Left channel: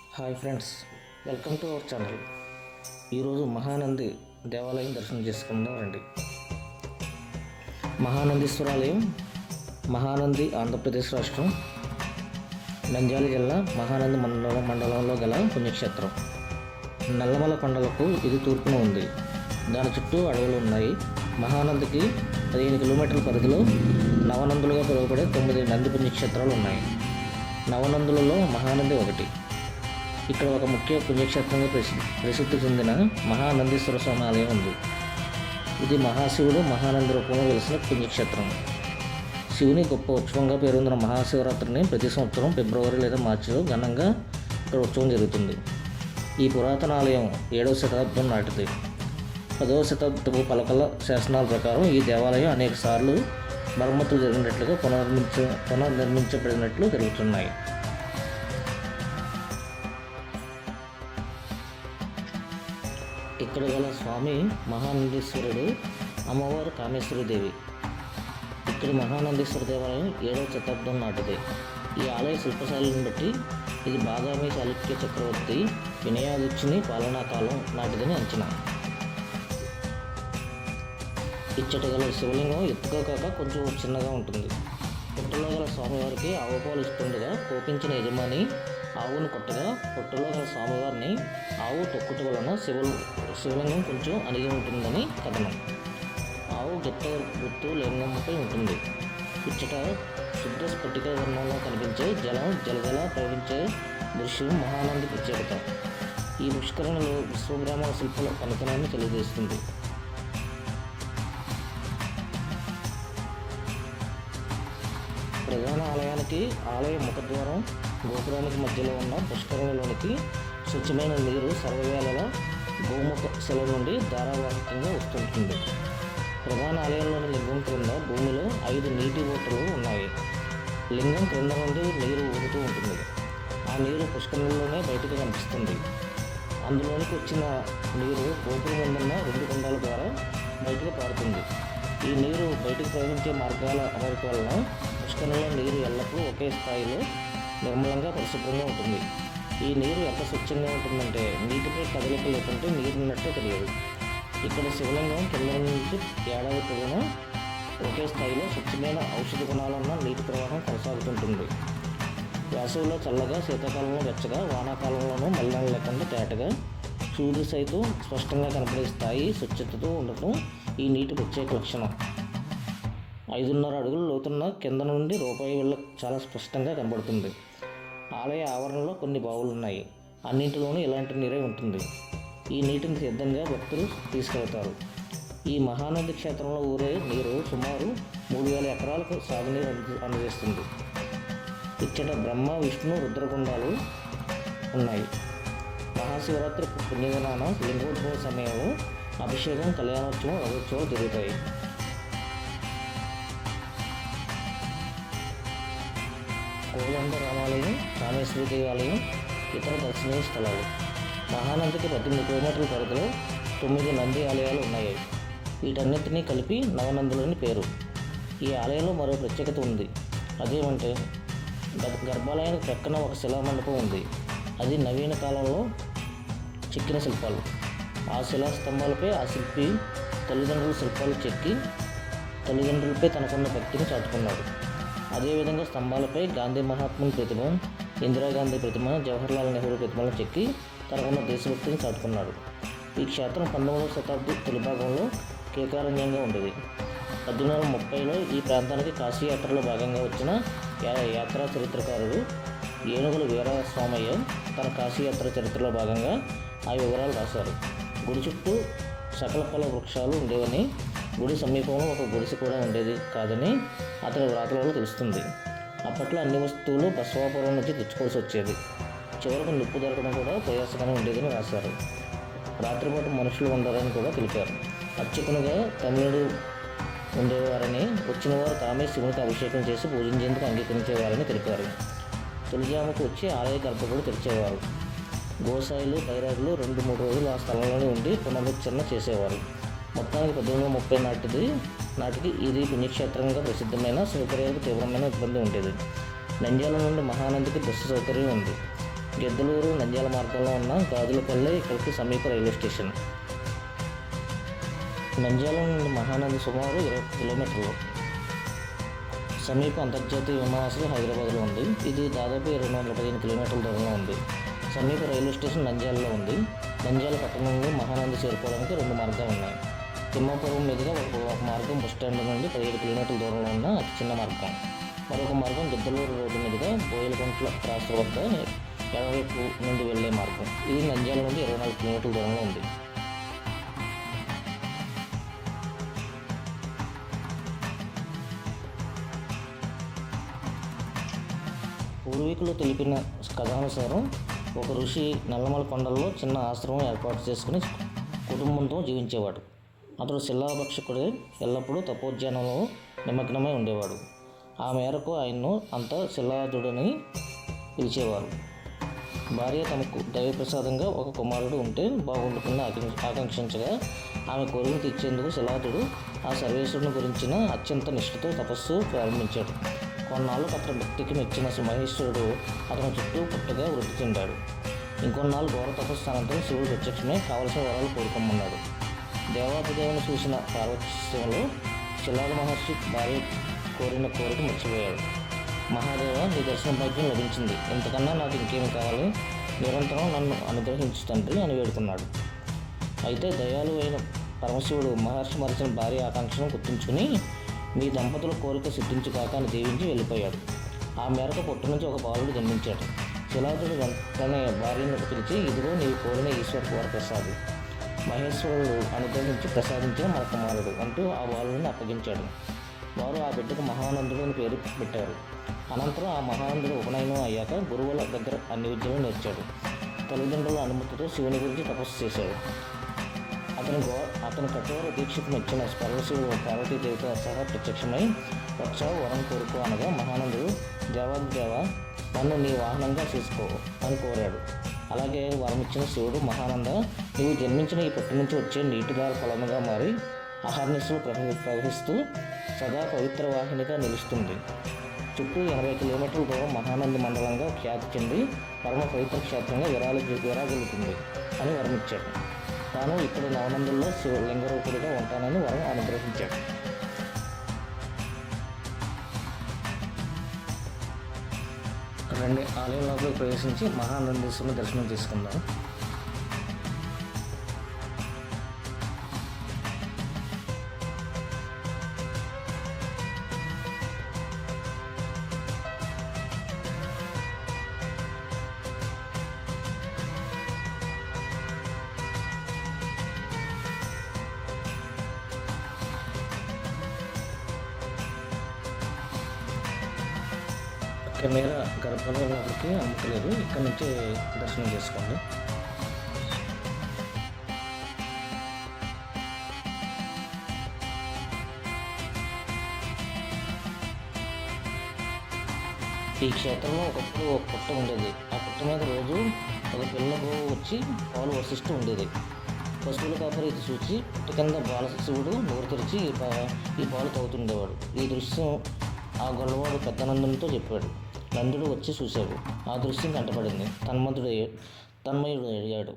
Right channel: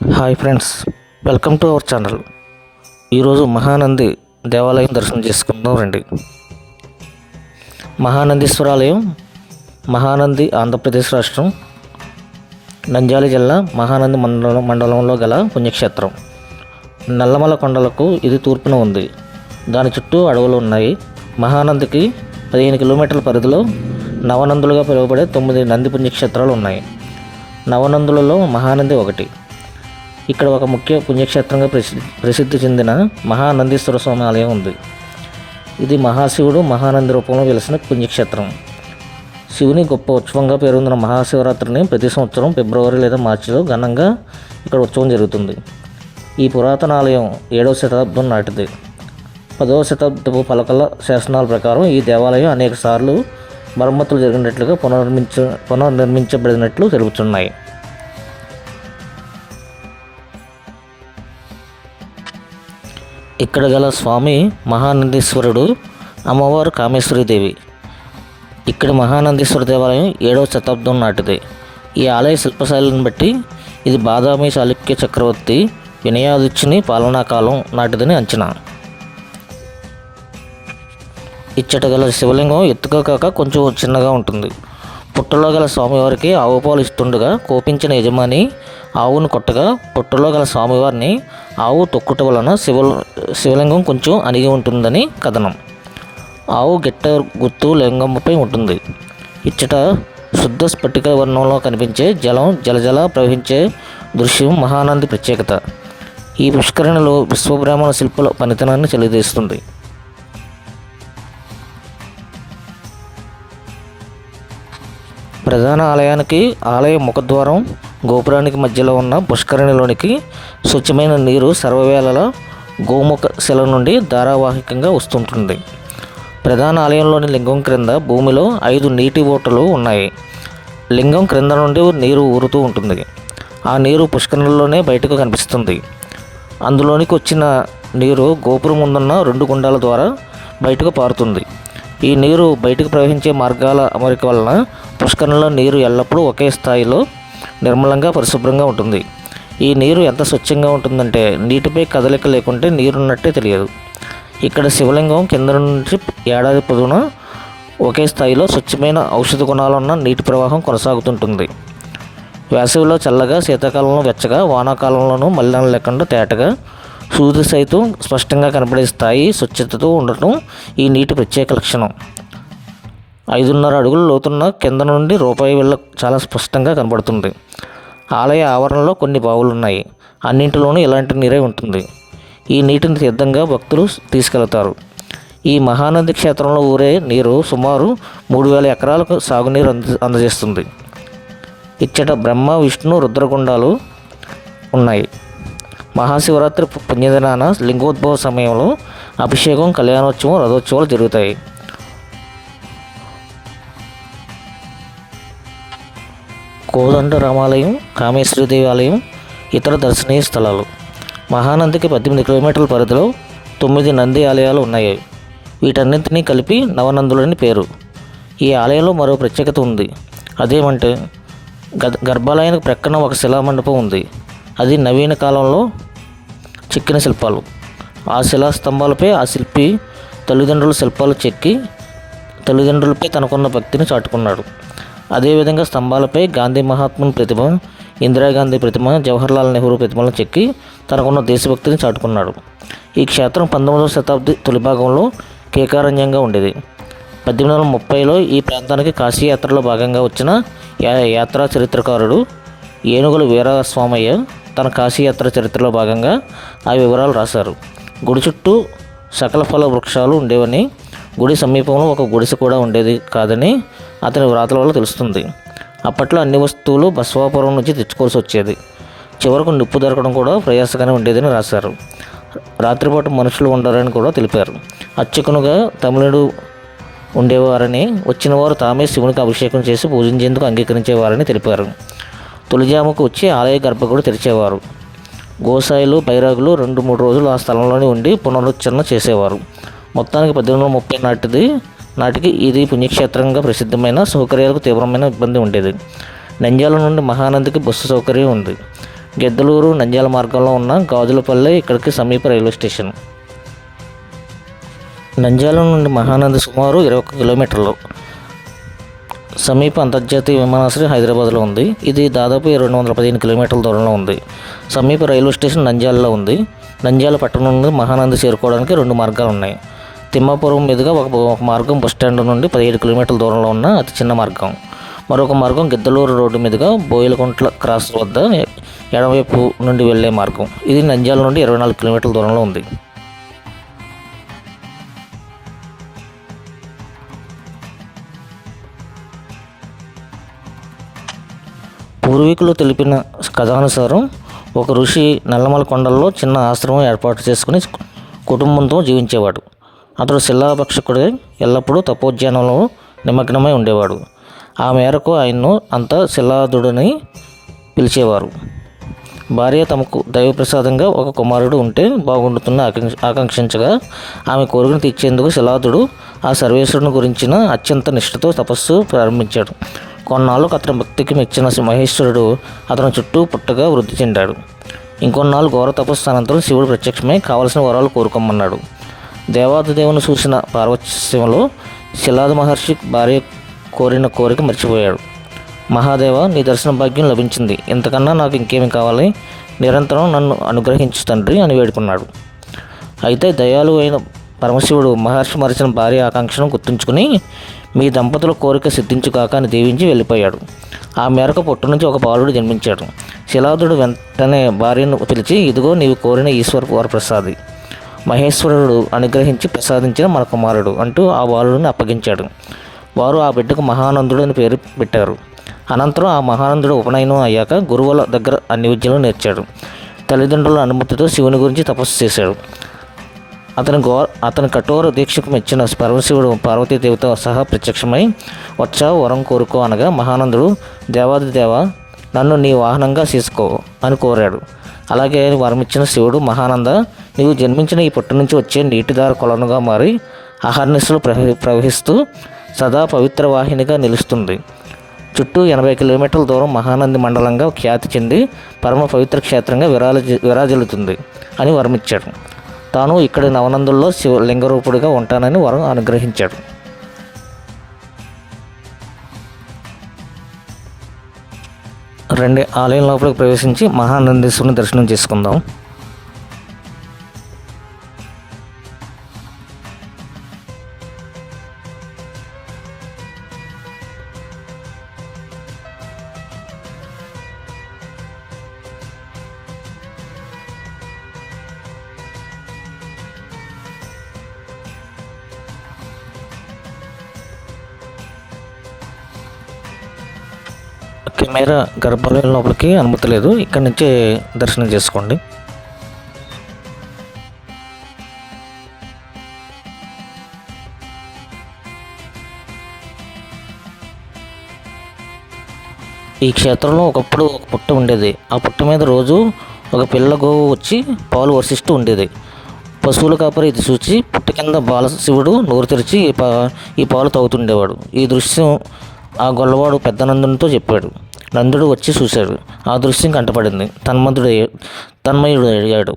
Hi friends, welcome to our channel. ఈరోజు మహానంది దేవాలయం దర్శనం చేసుకుందాం రండి. మహానందీశ్వరాలయం మహానంది ఆంధ్రప్రదేశ్ రాష్ట్రం నంద్యాల జిల్లా మహానంది మండలంలో గల పుణ్యక్షేత్రం. నల్లమల కొండలకు ఇది తూర్పున ఉంది. దాని చుట్టూ అడవులు ఉన్నాయి. మహానందికి 15 కిలోమీటర్ల పరిధిలో నవనందులుగా పిలువబడే 9 నంది పుణ్యక్షేత్రాలు ఉన్నాయి. నవనందులలో మహానంది ఒకటి. ఇక్కడ ఒక ముఖ్య పుణ్యక్షేత్రంగా ప్రసిద్ధి చెందిన మహానందీశ్వర స్వామి ఆలయం ఉంది. ఇది మహాశివుడు మహానంది రూపంలో వెలిసిన పుణ్యక్షేత్రం. శివుని గొప్ప ఉత్సవంగా పేరొందిన మహాశివరాత్రిని ప్రతి సంవత్సరం ఫిబ్రవరి లేదా మార్చిలో ఘనంగా ఇక్కడ ఉత్సవం జరుగుతుంది. ఈ పురాతన ఆలయం 7వ శతాబ్దం నాటిది. 10వ శతాబ్దపు పలకల శాసనాల ప్రకారం ఈ దేవాలయం అనేక సార్లు మరమ్మతులు జరిగినట్లుగా పునర్నిర్మించబడినట్లు తెలుపుతున్నాయి. ఇక్కడ గల స్వామి మహానందీశ్వరుడు, అమ్మవారు కామేశ్వరీదేవి. ఇక్కడ మహానందీశ్వర దేవాలయం 7వ శతాబ్దం నాటిది. ఈ ఆలయ శిల్పశైలిని బట్టి ఇది బాదామి చాళుక్య చక్రవర్తి వినయాదిత్యుని పాలనా కాలం నాటిదని అంచనా. ఇచ్చట గల శివలింగం ఎత్తుగా కాక కొంచెం చిన్నగా ఉంటుంది. పుట్టలో గల స్వామివారికి ఆవు పాలు ఇస్తుండగా కోపించిన యజమాని ఆవును కొట్టగా పుట్టలో గల స్వామివారిని ఆవు తొక్కుట వలన శివలింగం కొంచెం అణిగి ఉంటుందని కథనం. ఆవు గిట్ట గుర్తు లింగంపై ఉంటుంది. ఇచ్చట శుద్ధ స్ఫటిక వర్ణంలో కనిపించే జలం జలజల ప్రవహించే దృశ్యం మహానంది ప్రత్యేకత. ఈ పుష్కరిణిలో విశ్వబ్రాహ్మణ శిల్పుల పనితనాన్ని తెలియజేస్తుంది. ప్రధాన ఆలయానికి ఆలయ ముఖద్వారం గోపురానికి మధ్యలో ఉన్న పుష్కరిణిలోనికి స్వచ్ఛమైన నీరు సర్వవేళలా గోముఖ శిల నుండి ధారావాహికంగా వస్తుంటుంది. ప్రధాన ఆలయంలోని లింగం క్రింద భూమిలో 5 నీటి ఓటలు ఉన్నాయి. లింగం క్రింద నుండి నీరు ఊరుతూ ఉంటుంది. ఆ నీరు పుష్కరిణిలోనే బయటకు కనిపిస్తుంది. అందులోనికి వచ్చిన నీరు గోపురం ముందున్న 2 గుండాల ద్వారా బయటకు పారుతుంది. ఈ నీరు బయటకు ప్రవహించే మార్గాల అమరిక వలన పుష్కరిణిలో నీరు ఎల్లప్పుడూ ఒకే స్థాయిలో నిర్మలంగా పరిశుభ్రంగా ఉంటుంది. ఈ నీరు ఎంత స్వచ్ఛంగా ఉంటుందంటే నీటిపై కదలిక లేకుంటే నీరున్నట్టే తెలియదు. ఇక్కడ శివలింగం కింద నుంచి ఏడాది పొడవునా ఒకే స్థాయిలో స్వచ్ఛమైన ఔషధ గుణాలున్న నీటి ప్రవాహం కొనసాగుతుంటుంది. వేసవిలో చల్లగా, శీతాకాలంలో వెచ్చగా, వానాకాలంలోనూ మలినం లేకుండా తేటగా, సూది సైతం స్పష్టంగా కనపడే స్థాయి స్వచ్ఛతతో ఉండటం ఈ నీటి ప్రత్యేక లక్షణం. 5.5 అడుగుల లోతున్న కింద నుండి రూపాయి బిళ్ళ చాలా స్పష్టంగా కనబడుతుంది. ఆలయ ఆవరణలో కొన్ని బావులు ఉన్నాయి. అన్నింటిలోనూ ఇలాంటి నీరే ఉంటుంది. ఈ నీటిని తీర్థంగా భక్తులు తీసుకెళ్తారు. ఈ మహానంది క్షేత్రంలో ఊరే నీరు సుమారు 3,000 ఎకరాలకు సాగునీరు అందజేస్తుంది. ఇచ్చట బ్రహ్మ, విష్ణు, రుద్రగుండాలు ఉన్నాయి. మహాశివరాత్రి పుణ్యదినాన లింగోద్భవ సమయంలో అభిషేకం, కళ్యాణోత్సవం, రథోత్సవాలు జరుగుతాయి. కోదండ రామాలయం, కామేశ్వరీదేవి ఆలయం ఇతర దర్శనీయ స్థలాలు. మహానందికి 18 కిలోమీటర్ల పరిధిలో 9 నంది ఆలయాలు ఉన్నాయి. వీటన్నింటినీ కలిపి నవనందులని పేరు. ఈ ఆలయంలో మరో ప్రత్యేకత ఉంది. అదేమంటే గర్భాలయానికి ప్రక్కన ఒక శిలామండపం ఉంది. అది నవీన కాలంలో చెక్కిన శిల్పాలు. ఆ శిలా స్తంభాలపై ఆ శిల్పి తల్లిదండ్రుల శిల్పాలు చెక్కి తల్లిదండ్రులపై తనకున్న భక్తిని చాటుకున్నాడు. అదేవిధంగా స్తంభాలపై గాంధీ మహాత్ముని ప్రతిమ, ఇందిరాగాంధీ ప్రతిమ, జవహర్లాల్ నెహ్రూ ప్రతిమలను చెక్కి తనకున్న దేశభక్తిని చాటుకున్నాడు. ఈ క్షేత్రం 19వ శతాబ్ది తొలి భాగంలో కేకారణ్యంగా ఉండేది. 1830లో ఈ ప్రాంతానికి కాశీయాత్రలో భాగంగా వచ్చిన యాత్రా చరిత్రకారుడు ఏనుగుల వీరస్వామయ్య తన కాశీయాత్ర చరిత్రలో భాగంగా ఆ వివరాలు రాశారు. గుడి చుట్టూ సకల ఫల వృక్షాలు ఉండేవని, గుడి సమీపంలో ఒక గుడిసె కూడా ఉండేది కాదని అతని వ్రాతల వల్ల తెలుస్తుంది. అప్పట్లో అన్ని వస్తువులు బసవాపురం నుంచి తెచ్చుకోవాల్సి వచ్చేది. చివరకు నిప్పు దొరకడం కూడా ప్రయాసగానే ఉండేదని రాశారు. రాత్రిపాటు మనుషులు ఉండరని కూడా తెలిపారు. అర్చకునుగా తమిళుడు ఉండేవారని, వచ్చిన వారు తామే శివునికి అభిషేకం చేసి పూజించేందుకు అంగీకరించేవారని తెలిపారు. తొలిజాముకు వచ్చి ఆలయ గర్భగుడి తెరిచేవారు. గోసాయిలు, బైరాగులు 2-3 రోజులు ఆ స్థలంలోనే ఉండి పునరుచ్చరణ చేసేవారు. మొత్తానికి 1830 నాటికి ఇది పుణ్యక్షేత్రంగా ప్రసిద్ధమైన, సౌకర్యాలకు తీవ్రమైన ఇబ్బంది ఉండేది. నంద్యాల నుండి మహానందికి బస్సు సౌకర్యం ఉంది. గిద్దలూరు నంద్యాల మార్గంలో ఉన్న గాజులపల్లె ఇక్కడికి సమీప రైల్వే స్టేషన్. నంద్యాల నుండి మహానంది సుమారు 21 కిలోమీటర్లు. సమీప అంతర్జాతీయ విమానాశ్రయం హైదరాబాద్లో ఉంది. ఇది దాదాపు 215 కిలోమీటర్ల దూరంలో ఉంది. సమీప రైల్వే స్టేషన్ నంద్యాలలో ఉంది. నంద్యాల పట్టణం నుండి మహానంది చేరుకోవడానికి 2 మార్గాలు ఉన్నాయి. తిమ్మాపురం మీదుగా ఒక మార్గం బస్టాండ్ నుండి 17 కిలోమీటర్ల దూరంలో ఉన్న అతి చిన్న మార్గం. మరొక మార్గం గిద్దలూరు రోడ్డు మీదుగా బోయిలకుంట్ల క్రాస్ వద్ద ఎడమవైపు నుండి వెళ్లే మార్గం. ఇది నంద్యాల నుండి 24 కిలోమీటర్ల దూరంలో ఉంది. పూర్వీకులు తెలిపిన కథానుసారం ఒక ఋషి నల్లమల కొండల్లో చిన్న ఆశ్రమం ఏర్పాటు చేసుకుని కుటుంబంతో జీవించేవాడు. అతడు శిలాభక్షకుడే ఎల్లప్పుడూ తపోధ్యానంలో నిమగ్నమై ఉండేవాడు. ఆ మేరకు ఆయన్ను అంతా శిలాదుడని పిలిచేవారు. భార్య తమకు దైవప్రసాదంగా ఒక కుమారుడు ఉంటే బాగుండుతున్న ఆకాంక్షించగా ఆమె కోరికను తీర్చేందుకు శిలాదుడు ఆ సర్వేశ్వరుని గురించిన అత్యంత నిష్ఠతో తపస్సు ప్రారంభించాడు. కొన్నాళ్ళకు అతని భక్తికి మెచ్చిన మహేశ్వరుడు అతని చుట్టూ పుట్టగా వృద్ధి చెందాడు. ఇంకొన్నాళ్ళు ఘోర తపస్సు అనంతరం శివుడు ప్రత్యక్షమై కావలసిన వరాలు కోరుకోమన్నాడు. దేవాదిదేవుని చూసిన పార్వత్యంలో శిలాద మహర్షి భార్య కోరిన కోరిక మర్చిపోయాడు. మహాదేవ, నీ దర్శన భాగ్యం లభించింది. ఇంతకన్నా నాకు ఇంకేమి కావాలి? నిరంతరం నన్ను అనుగ్రహించు తండ్రి అని వేడుకున్నాడు. అయితే దయాళు అయిన పరమశివుడు మహర్షి మరిచిన భార్య ఆకాంక్షను గుర్తుంచుకుని మీ దంపతుల కోరిక సిద్ధించుకాక అని దీవించి వెళ్ళిపోయాడు. ఆ మేరకు పుట్టు నుంచి ఒక బాలుడు జన్మించాడు. శిలాదుడు వెంటనే భార్యను పిలిచి, ఇదిగో నీవు కోరిన ఈశ్వర వరప్రసాది, మహేశ్వరుడు అనుగ్రహించి ప్రసాదించిన మన కుమారుడు అంటూ ఆ బాలుడిని అప్పగించాడు. వారు ఆ బిడ్డకు మహానందుడు అని పేరు పెట్టారు. అనంతరం ఆ మహానందుడు ఉపనయనం అయ్యాక గురువుల దగ్గర అన్ని విద్యలు నేర్చాడు. తల్లిదండ్రుల అనుమతితో శివుని గురించి తపస్సు చేశాడు. అతని కఠోర దీక్షకు మెచ్చిన పరమశివుడు పార్వతీదేవితో సహా ప్రత్యక్షమై వచ్చావు, వరం కోరుకో అనగా మహానందుడు, దేవాదిదేవ, నన్ను నీ వాహనంగా చేసుకో అని కోరాడు. అలాగే వరమిచ్చిన శివుడు, మహానంద, నీవు జన్మించిన ఈ పుట్టు నుంచి వచ్చే నీటిదార కొలనుగా మారి అహర్నిశలు ప్రవహిస్తూ సదా పవిత్ర వాహినిగా నిలుస్తుంది. చుట్టూ 80 కిలోమీటర్ల దూరం మహానంది మండలంగా ఖ్యాతి చెంది పరమ పవిత్ర క్షేత్రంగా విరాజిల్లుతుంది అని వరమిచ్చాడు. తాను ఇక్కడి నవనందుల్లో లింగరూపుడిగా ఉంటానని వరం అనుగ్రహించాడు. రండి, ఆలయం లోపలికి ప్రవేశించి మహానందీశ్వరుని దర్శనం చేసుకుందాం. కెమెరా గర్భాలయం లోపలికి అనుమతి లేదు, ఇక్కడి నుంచే దర్శనం చేసుకోండి. ఈ క్షేత్రంలో ఒకప్పుడు ఒక పుట్ట ఉండేది. ఆ పుట్ట మీద రోజు ఒక పిల్ల గోవు వచ్చి పాలు వర్షిస్తూ ఉండేది. పశువుల కాపరి ఇది చూసి పుట్ట కింద బాలశివుడు నోరు తెరిచి ఈ పాలు తాగుతుండేవాడు. ఈ దృశ్యం ఆ గొల్లవాడు పెద్ద నందునితో చెప్పాడు. నందుడు వచ్చి చూశాడు. ఆ దృశ్యం కంటపడింది. తన్మయుడు అయ్యాడు.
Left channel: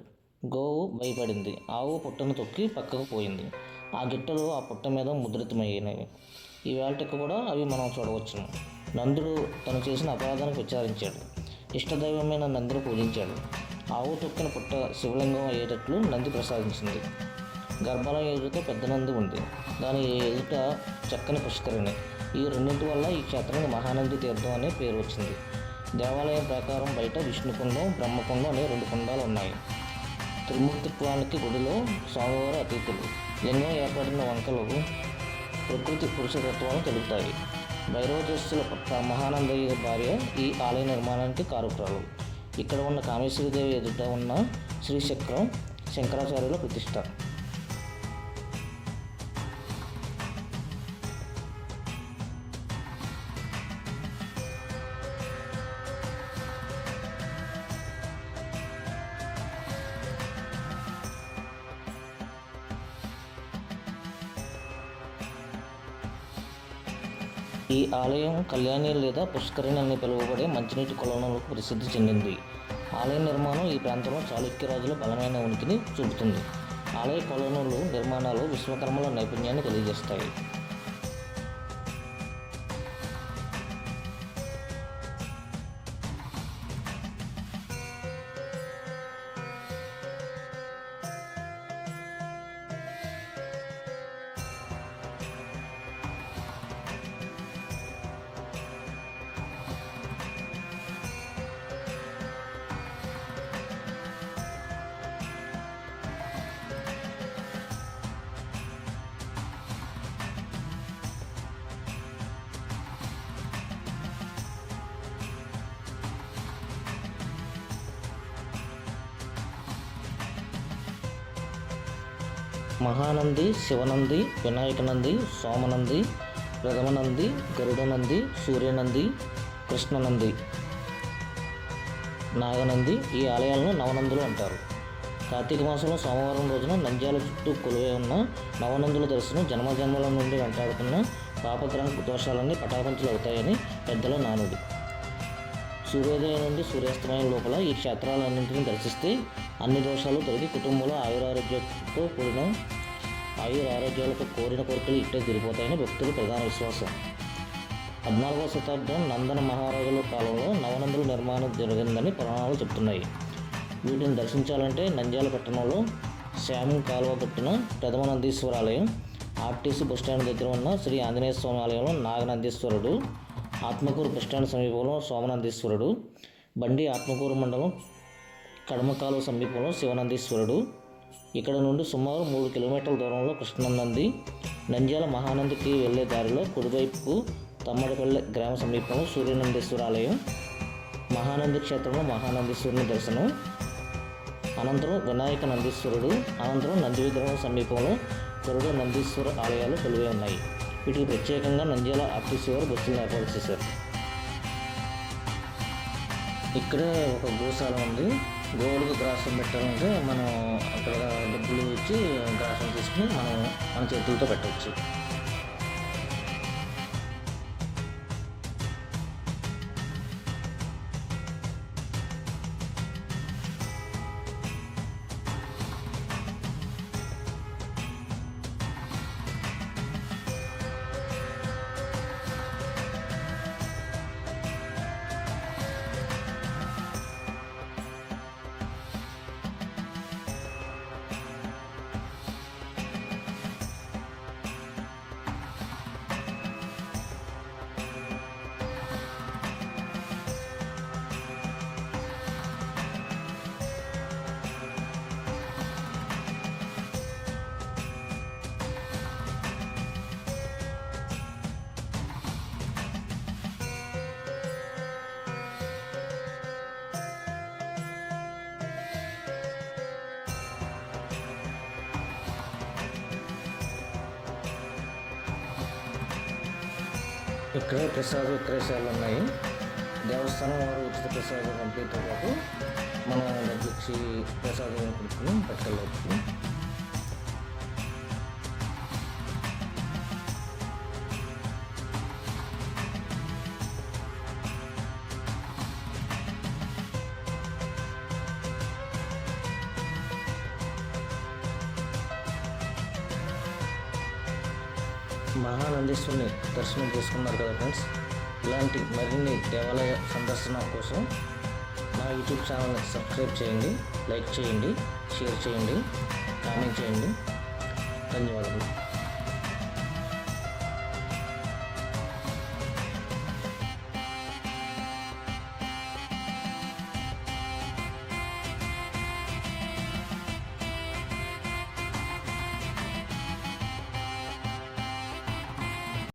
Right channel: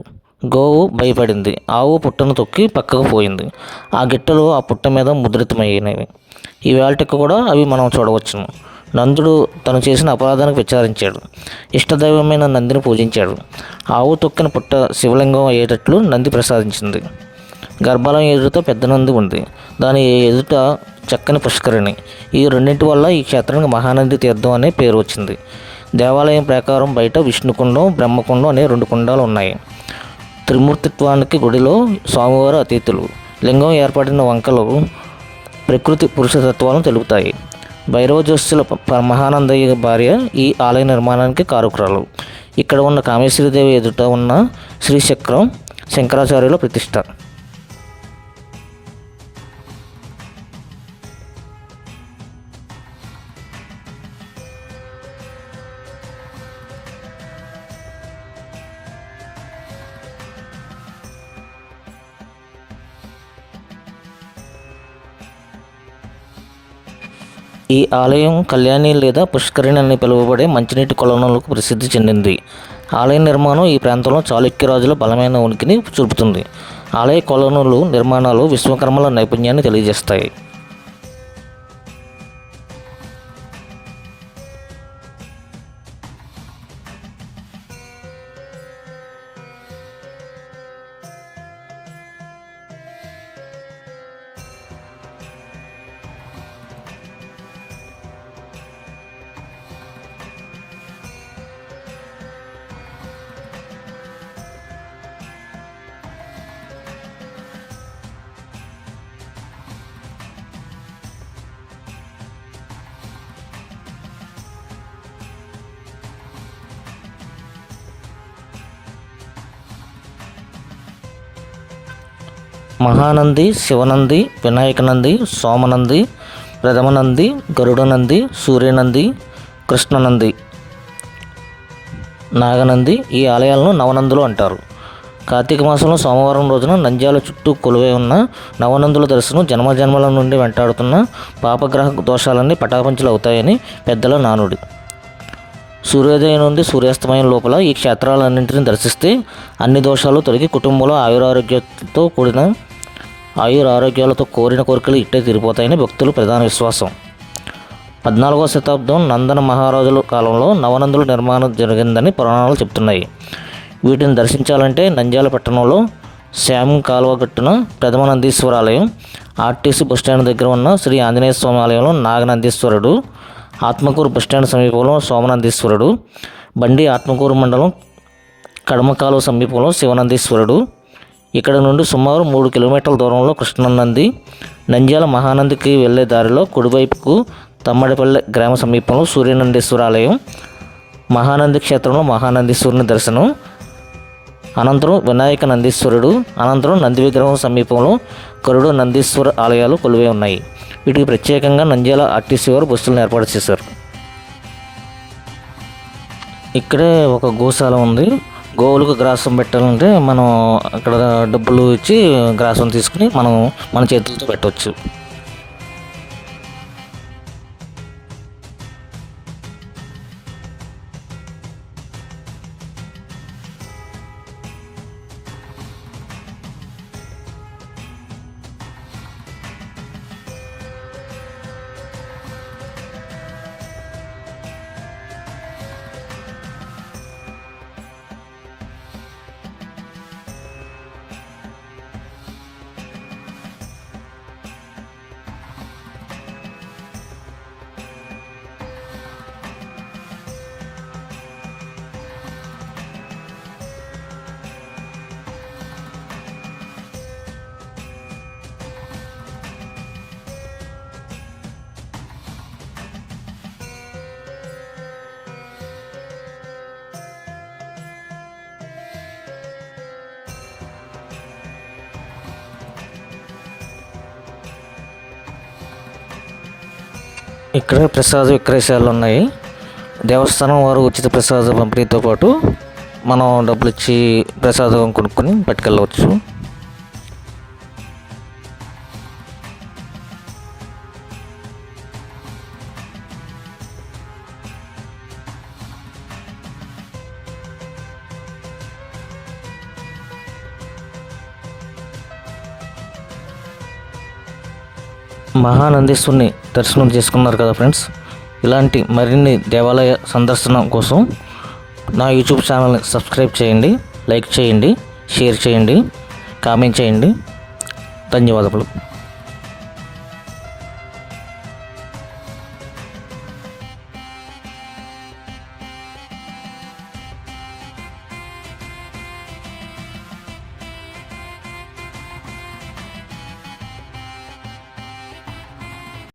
గోవు భయపడింది. ఆవు పుట్టను తొక్కి పక్కకు పోయింది. ఆ గిట్టలు ఆ పుట్ట మీద ముద్రితమైనవి. ఈ వేళటికి కూడా అవి మనం చూడవచ్చును. నందుడు తను చేసిన అపరాధానికి విచారించాడు. ఇష్టదైవమైన నందిని పూజించాడు. ఆవు తొక్కిన పుట్ట శివలింగం అయ్యేటట్లు నంది ప్రసాదించింది. గర్భాలయం ఎదుట పెద్ద నంది ఉంది. దాని ఎదుట చక్కని పుష్కరిణి. ఈ రెండింటి వల్ల ఈ క్షేత్రానికి మహానంది తీర్థం అనే పేరు వచ్చింది. దేవాలయం ప్రకారం బయట విష్ణుకుండం, బ్రహ్మకుండం అనే 2 కుండాలు ఉన్నాయి. త్రిమూర్తిత్వానికి గుడిలో స్వామివారు అతిథులు. లింగం ఏర్పడిన వంకలు ప్రకృతి పురుషతత్వాలను తెలుపుతాయి. భైరవ జోస్యుల మహానందయ్య భార్య ఈ ఆలయ నిర్మాణానికి కారకురాలు. ఇక్కడ ఉన్న కామేశ్వరీదేవి ఎదుట ఉన్న శ్రీచక్రం శంకరాచార్యుల ప్రతిష్ట. ఈ ఆలయం కళ్యాణి లేదా పుష్కరిణి అని పిలువబడే మంచినీటి కొలనులకు ప్రసిద్ధి చెందింది. ఆలయ నిర్మాణం ఈ ప్రాంతంలో చాళుక్య రాజుల బలమైన ఉనికిని చూపుతుంది. ఆలయ కొలనులు నిర్మాణాలు విశ్వకర్మల నైపుణ్యాన్ని తెలియజేస్తాయి. మహానంది, శివనంది, వినాయకనంది, సోమనంది, ప్రథమనంది, గరుడనంది, సూర్యనంది, కృష్ణనంది, నాగనంది ఈ ఆలయాలను నవనందులు అంటారు. కార్తీక మాసంలో సోమవారం రోజున నంద్యాల చుట్టూ కొలువై ఉన్న నవనందుల దర్శనం జన్మజన్మల నుండి వెంటాడుతున్న పాపగ్రహ దోషాలన్నీ పటాపంచలు అవుతాయని పెద్దల నానుడి. సూర్యోదయం నుండి సూర్యాస్తమయం లోపల ఈ క్షేత్రాలన్నింటినీ దర్శిస్తే అన్ని దోషాలు తొలగి కుటుంబంలో ఆయురారోగ్యాలతో కోరిన కోరికలు ఇట్టే తీరిపోతాయని భక్తుల ప్రధాన విశ్వాసం. 14వ శతాబ్దం నందన మహారాజుల కాలంలో నవనందుల నిర్మాణం జరిగిందని పురాణాలు చెబుతున్నాయి. వీటిని దర్శించాలంటే నంద్యాల పట్టణంలో శ్యామ్ కాలువగట్టున ప్రథమ నందీశ్వర ఆలయం, ఆర్టీసీ బస్టాండ్ దగ్గర ఉన్న శ్రీ ఆంజనేయ స్వామి ఆలయంలో నాగనందీశ్వరుడు, ఆత్మకూరు బస్టాండ్ సమీపంలో సోమనందీశ్వరుడు, బండి ఆత్మకూరు మండలం కడమకాలువ సమీపంలో శివనందీశ్వరుడు, ఇక్కడ నుండి సుమారు 3 కిలోమీటర్ల దూరంలో కృష్ణనంది, నంద్యాల మహానందికి వెళ్లే దారిలో కుడివైపుకు తమ్మడిపల్లె గ్రామ సమీపంలో సూర్యనందీశ్వర ఆలయం, మహానంది క్షేత్రంలో మహానందీశ్వరుని దర్శనం, అనంతరం వినాయక నందీశ్వరుడు, అనంతరం నంది విగ్రహం సమీపంలో గరుడ నందీశ్వర ఆలయాలు కొలువై ఉన్నాయి. వీటికి ప్రత్యేకంగా నంద్యాల ఆర్టీసీ వారు బస్సులను ఏర్పాటు చేశారు. ఇక్కడే ఒక గోశాల ఉంది. గోవులకు గ్రాసం పెట్టాలంటే మనం అక్కడ డబ్బులు ఇచ్చి గ్రాసం తీసుకుని మనం మన చేతులతో పెట్టవచ్చు. ఇక్కడ ప్రసాద విక్రయశాలలు ఉన్నాయి. దేవస్థానం వారు ఉచిత ప్రసాద పంపిణీతో పాటు మనం డబ్బులు ఇచ్చి ప్రసాదం కొనుక్కొని పట్టుకెళ్ళవచ్చు. మహానందీశ్వరుని దర్శనం చేసుకున్నారు కదా ఫ్రెండ్స్. ఇలాంటి మరిన్ని దేవాలయ సందర్శన కోసం నా యూట్యూబ్ ఛానల్ని సబ్స్క్రైబ్ చేయండి, లైక్ చేయండి, షేర్ చేయండి, కామెంట్ చేయండి. ధన్యవాదములు.